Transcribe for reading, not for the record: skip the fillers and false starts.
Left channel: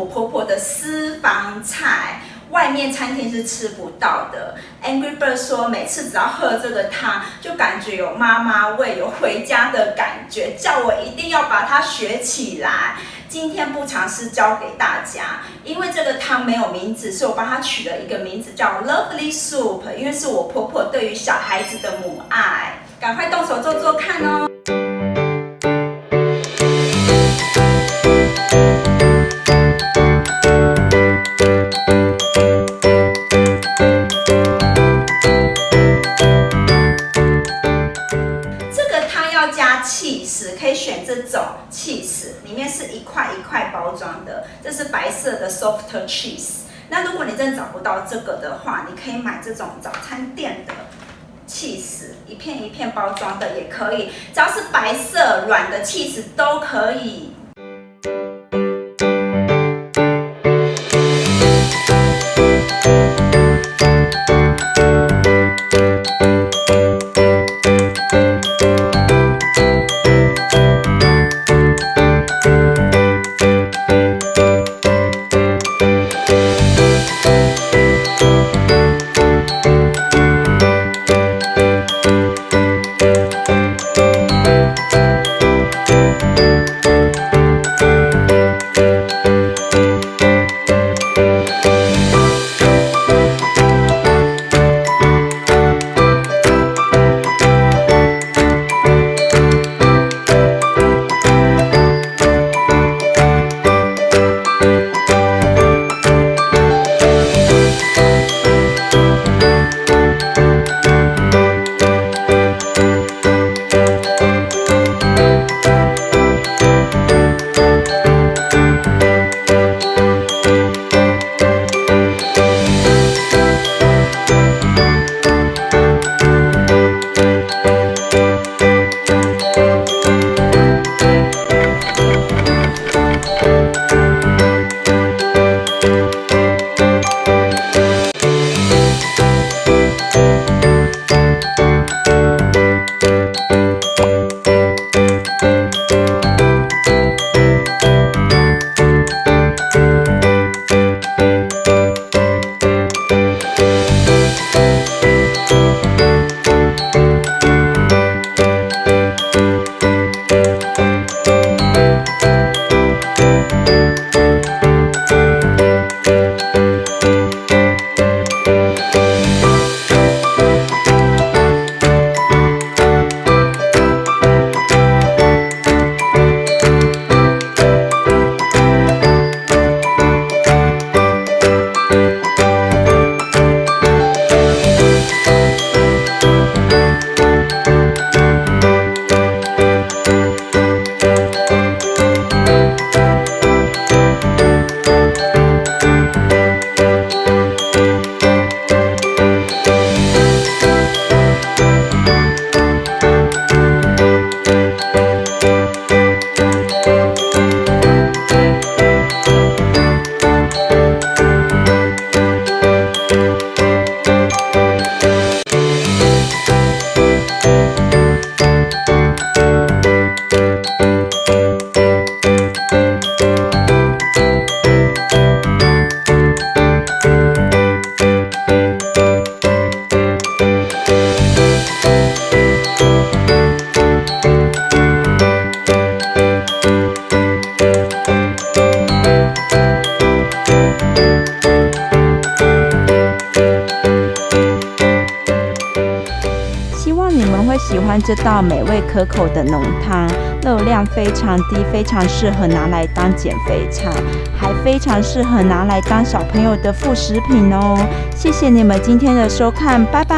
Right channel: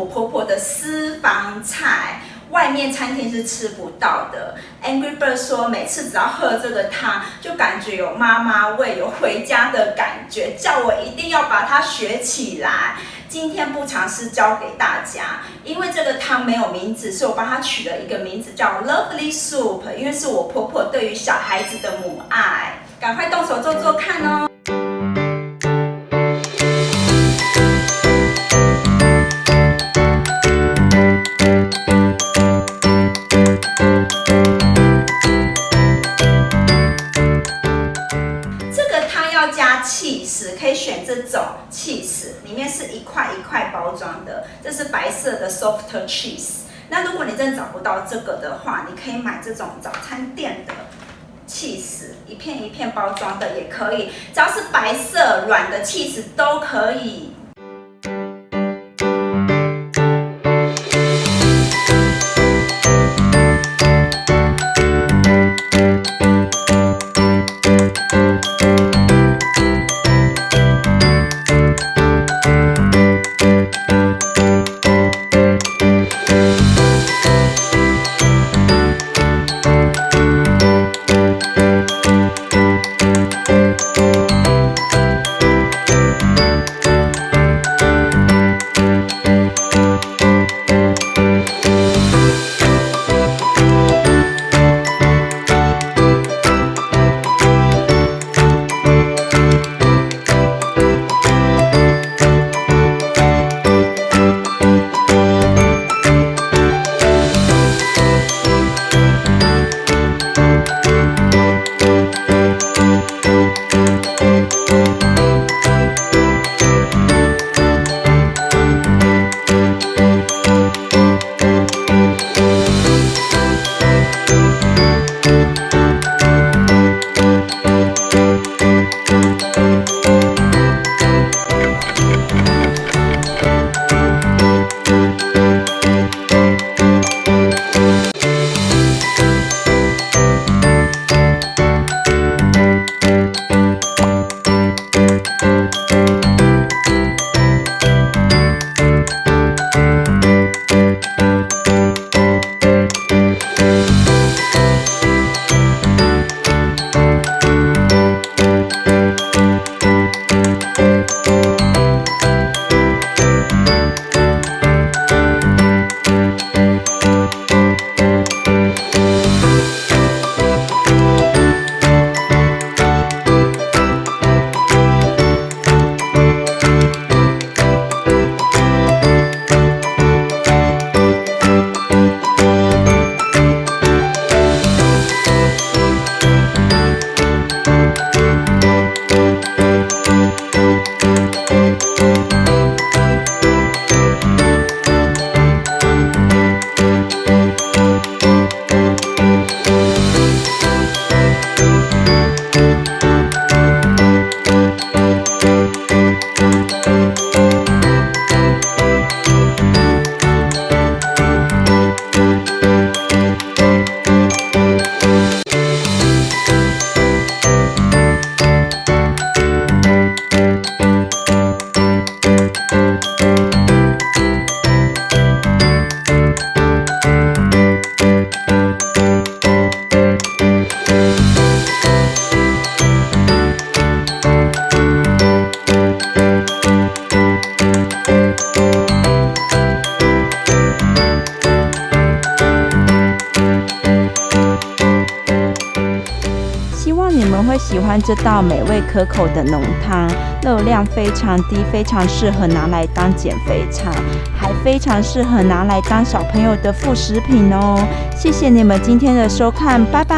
我婆婆的私房菜，外面餐厅是吃不到的。Angry Bird 说，每次只要喝这个汤，就感觉有妈妈味，有回家的感觉，叫我一定要把它学起来。今天不尝试教给大家，因为这个汤没有名字，所以我帮它取了一个名字叫 Lovely Soup， 因为是我婆婆对于小孩子的母爱。赶快动手做做看哦！可以选这种 cheese， 里面是一块一块包装的，这是白色的 soft cheese。那如果你真的找不到这个的话，你可以买这种早餐店的 cheese， 一片一片包装的也可以，只要是白色软的 cheese 都可以。会喜欢这道美味可口的浓汤，热量非常低，非常适合拿来当减肥菜，还非常适合拿来当小朋友的副食品哦。谢谢你们今天的收看，拜拜。